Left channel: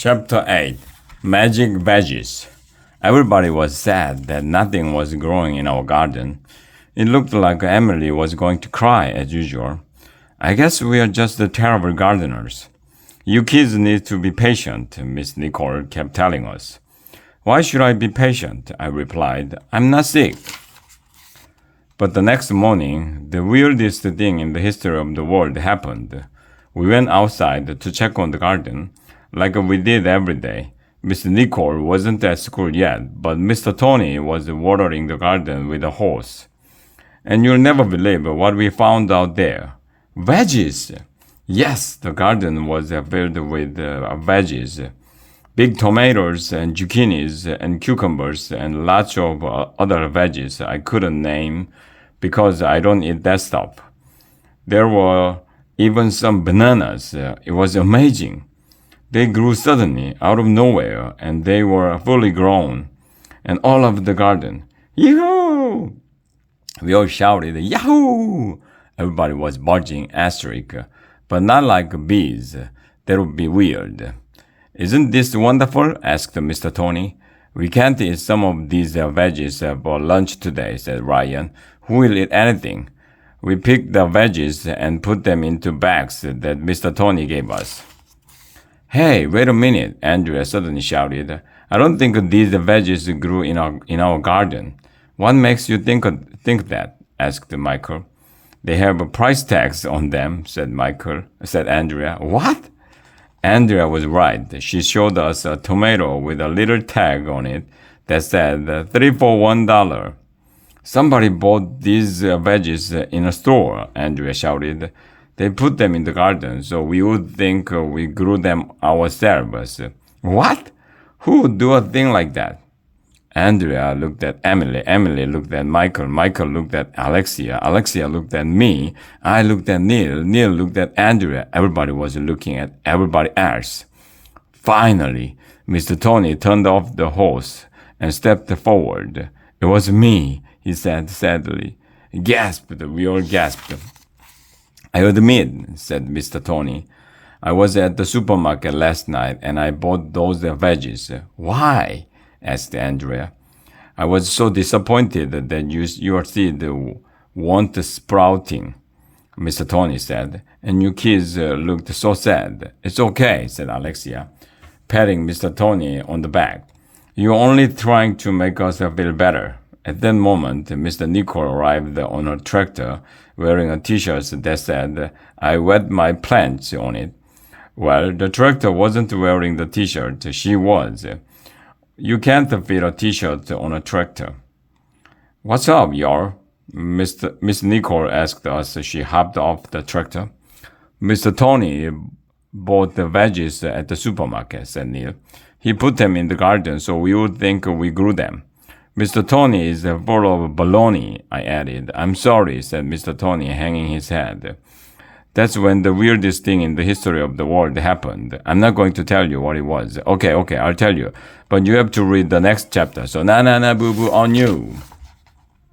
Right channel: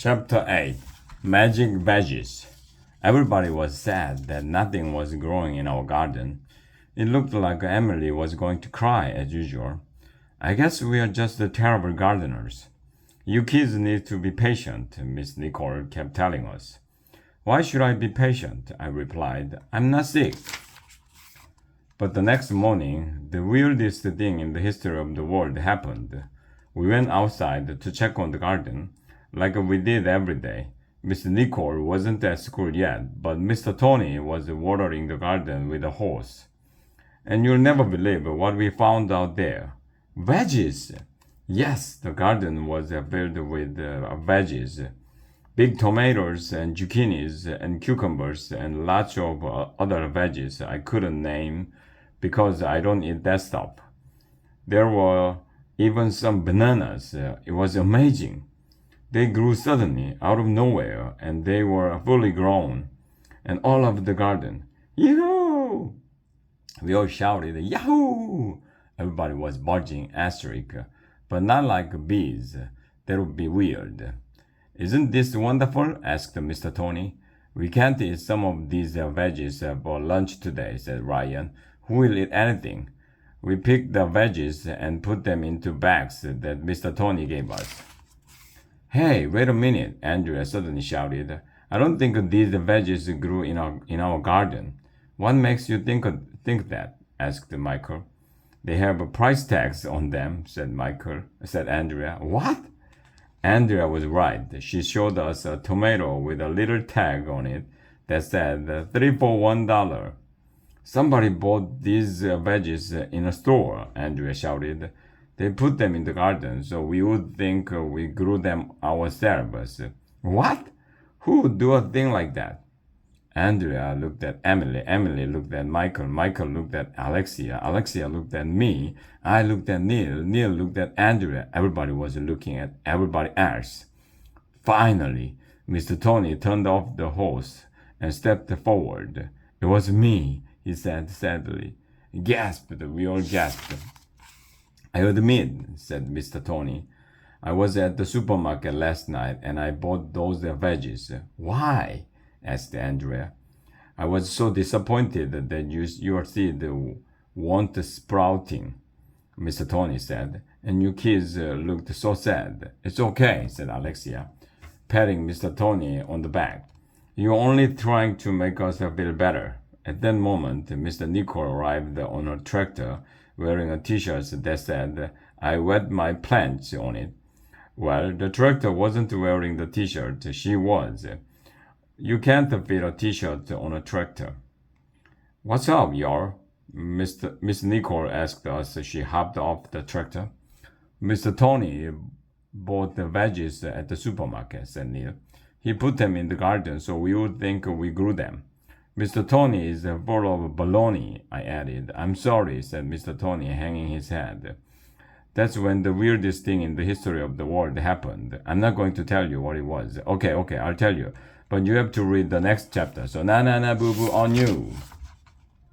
Chapter 8 Magic Veggies. Everybody was sad that nothing was growing in our garden. It looked like Emily was going to cry as usual. I guess we are just the terrible gardeners. You kids need to be patient, Miss Nicole kept telling us. Why should I be patient? I replied. I'm not sick. But the next morning, the weirdest thing in the history of the world happened. We went outside to check on the garden, like we did every day. Miss Nicole wasn't at school yet, but Mr. Tony was watering the garden with a hose. And you'll never believe what we found out there. Veggies! Yes, the garden was filled with veggies. Big tomatoes and zucchinis and cucumbers and lots of other veggies I couldn't name because I don't eat that stuff. There were even some bananas. It was amazing. They grew suddenly out of nowhere and they were fully grown. And all over the garden, Yahoo! We all shouted, Yahoo! Everybody was barking asterisk, but not like bees. That would be weird. Isn't this wonderful? Asked Mr. Tony. We can't eat some of these veggies for lunch today, said Ryan. Who will eat anything? We picked the veggies and put them into bags that Mr. Tony gave us. Hey, wait a minute, Andrea suddenly shouted. I don't think these veggies grew in our garden. What makes you think that? Asked Michael. They have price tags on them, said Andrea. What? Andrea was right. She showed us a tomato with a little tag on it that said 3 for $1. Somebody bought these veggies in a store, Andrea shouted. They put them in the garden, so we would think we grew them ourselves. What? Who would do a thing like that? Andrea looked at Emily. Emily looked at Michael. Michael looked at Alexia. Alexia looked at me. I looked at Neil. Neil looked at Andrea. Everybody was looking at everybody else. Finally, Mr. Tony turned off the hose and stepped forward. It was me, he said sadly. Gasped. We all gasped. I admit, said Mr. Tony, I was at the supermarket last night and I bought those veggies. Why? Asked Andrea. I was so disappointed that your seed weren't sprouting, Mr. Tony said, and you kids looked so sad. It's okay, said Alexia, patting Mr. Tony on the back. You're only trying to make us feel better. At that moment, Mr. Nicole arrived on a tractor wearing a t-shirt that said, I wet my plants on it. Well, the tractor wasn't wearing the t-shirt. She was. You can't fit a t-shirt on a tractor. What's up, y'all? Miss Nicole asked us as she hopped off the tractor. Mr. Tony bought the veggies at the supermarket, said Neil. He put them in the garden so we would think we grew them. Mr. Tony is full of baloney, I added. I'm sorry, said Mr. Tony, hanging his head. That's when the weirdest thing in the history of the world happened. I'm not going to tell you what it was. Okay, I'll tell you. But you have to read the next chapter. So, na boo boo on you.